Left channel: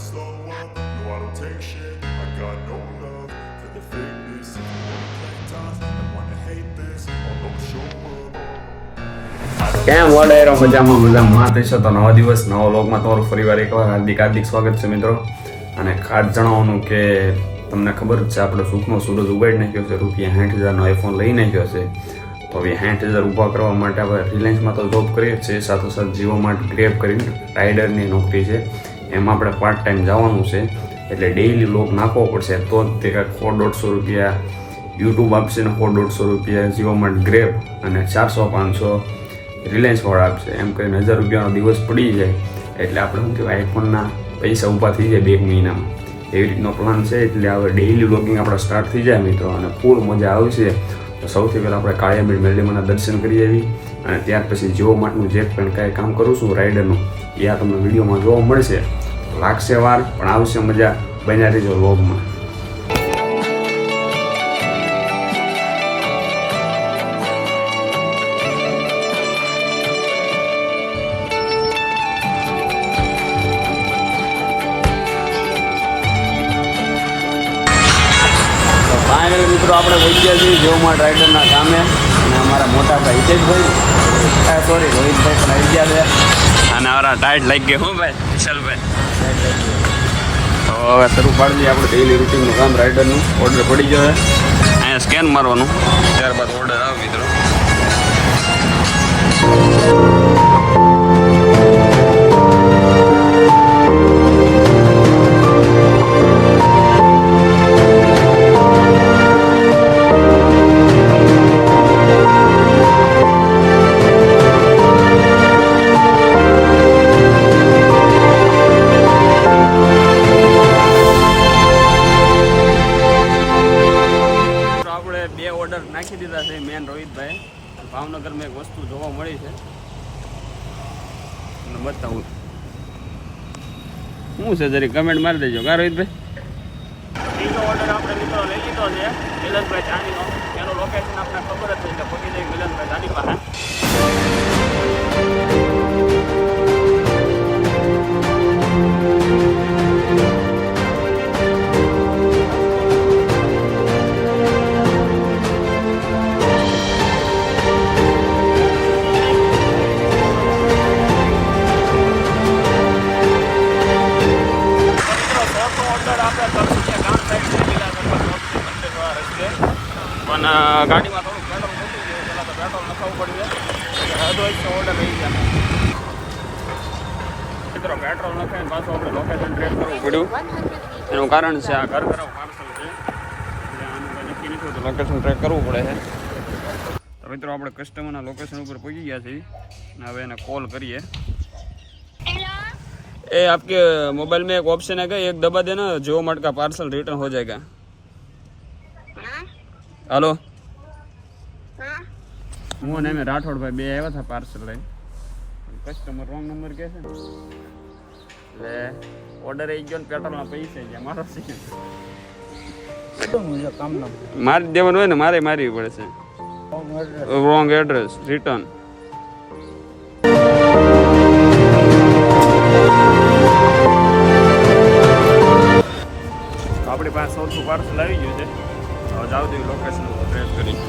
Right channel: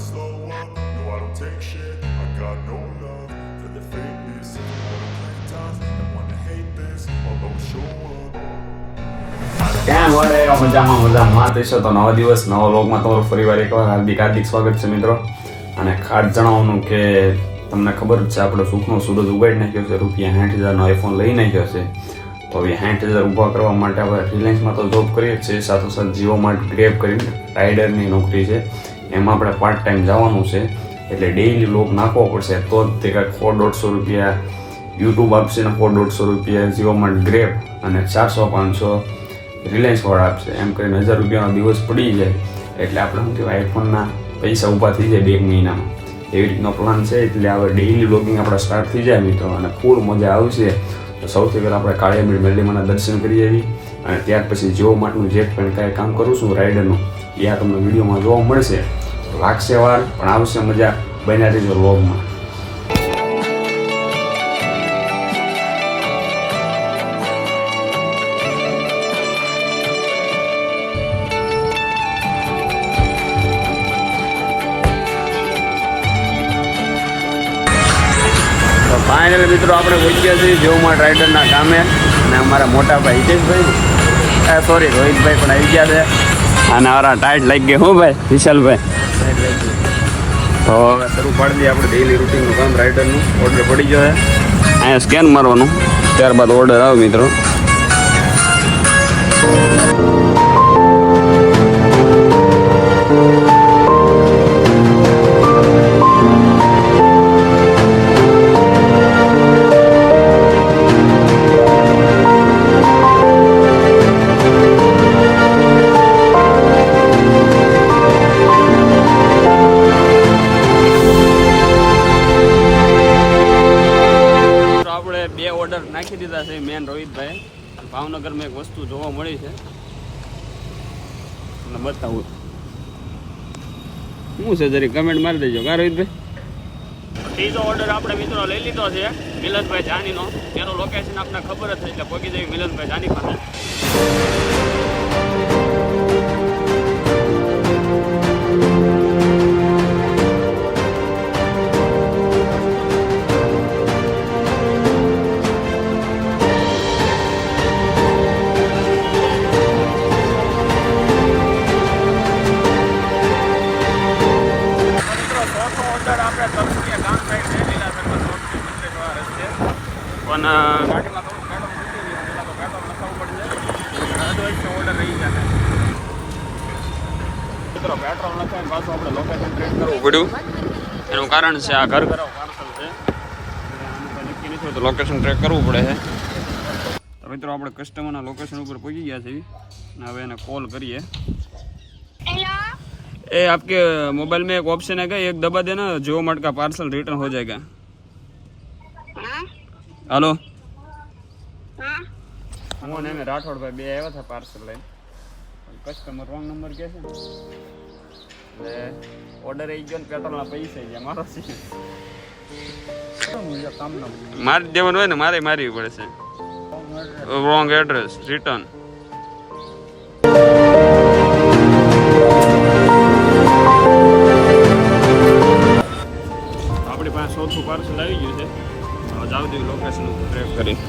slow up. No, I don't take shit. I got no love for the fakeness. If you wanna play tough and wanna hate this, I'll always show up. કેમ વડે મજામાં થશો તો નવા દિવસ નવા વ્લોગમાં તમારું ફરીવાર એકવાર હાર્દિક સ્વાગત છે મિત્રો. અને ખાસ જણાવવાનું કે તમને ખબર જ છે આપણે સુખનો સૂરજ ઉગાડી નાખ્યો છે, રૂપિયા 60,000નો આઈફોન લઈ નાખ્યો છે. તો હવે 60,000 ઊભા કરવા માટે આપણે રિલાયન્સમાં તો જોબ કરીએ જ છીએ, સાથોસાથ જીઓમાં ગ્રેબ કરીને રાઇડરની નોકરી છે, એમાં આપણે પાર્ટ ટાઈમ જવાનું છે. એટલે ડેઇલી વ્લોગ નાખવો પડશે તો જ તે કાંઈક 100-150 રૂપિયા યુટ્યુબ આપશે ને 100-150 રૂપિયા જીઓમાં ગ્રેબ અને 400-500 રિલાયન્સવાળા આપશે. એમ કરીને 1000 રૂપિયાનો દિવસ પડી જાય એટલે આપણે શું કહેવાય આઈફોનના પૈસા ઊભા થઈ જાય 2 મહિનામાં. એવી રીતનો પ્લાન છે. એટલે હવે ડેઇલી વ્લોગિંગ આપણા સ્ટાર્ટ થઈ જાય મિત્રો, અને ફૂલ મજા આવશે. તો સૌથી પહેલાં આપણે કાળિયાબીડ મેરડીમાના દર્શન કરી આવી, અને ત્યાર પછી જીઓ માર્ટનું જે પણ કાંઈ કામ કરું છું રાઇડરનું એ આ તમને વિડીયોમાં જોવા મળશે. લાગશે વાર પણ આવશે મજા. બન્યા રહેજો વ્લોગમાં. ફાઇનલ મિત્રો આપણે પહોંચી ગયા છીએ જીઓ માર્ટ રાઇડરના કામે, અને અમારા મોટા ભાઈ હિતેશભાઈ સોરી રોહિતભાઈ પણ આવી ગયા છે, અને અમારા ટાઈટ લાગી ગયા. હું ભાઈ વિશાલભાઈ ટાઈટ લાગી ગયા. તો શરૂ પાડી દઈએ આપણે ડેઇલી રૂટીનનું કામ. રાઇડરનું ઓર્ડર પડી ગયો છે, અહીંયા સ્કેન મારવાનું, ત્યારબાદ ઓર્ડર આવે મિત્રો. ઓર્ડર નાખી દીધા છે મેન રોહિતભાઈ. ભાવનગરમાં એક વસ્તુ જોવા મળી છે, તમને બતાવું શું છે, જરી કમેન્ટ મારી દેજો. કા રોહિતભાઈ? ત્રીજો ઓર્ડર આપણે મિત્રો લઈ લીધો છે મિલનભાઈ જાનીનો. એનું લોકેશન આપણને ખબર જ છે, એટલે પહોંચી જઈએ મિલનભાઈ જાની પાસે. પણ ગાડીમાં થોડું પેટ્રોલ મૂકી દીધું, પહેલાં તો પેટ્રોલ નખાવવું પડશે, અદરવાઇઝ ઓર્ડર રહી જાય. મિત્રો પેટ્રોલ નખાઈને પાછું આપણે લોકેશન ટ્રેક કરવું પડ્યું. એનું કારણ છે આ ઘર ઘરાવ પાર્સલ છે, એટલે આનું કંઈ નક્કી નથી તો લોકેશન ટ્રેક કરવું પડે છે. તો મિત્રો આપણે કસ્ટમરના લોકેશન ઉપર પહોંચી ગયા છીએ, અને હવે એને કોલ કરીએ. ए आपके मोबाइल में एक ऑप्शन है क्या, एक दबा देना जियो मार्ट का पार्सल रिटर्न हो जाएगा. हेलो હું ને રાઠોડભાઈ બે આવ્યા હતા પાર્સલ લઈને, પણ કસ્ટમર રોંગ નંબર કહે છે ને, એટલે ઓર્ડર આવી ગયો ને પેટ્રોલના પૈસા ગયા. મારો છે મારી દેવાનું હોય ને, મારે મારવી પડે છે. Wrong address return. આપણી પાસે 100 પાર્સલ આવી ગયું છે. હવે જાવ દેવી લોકેશન ઉપર ટ્રેક કરીને.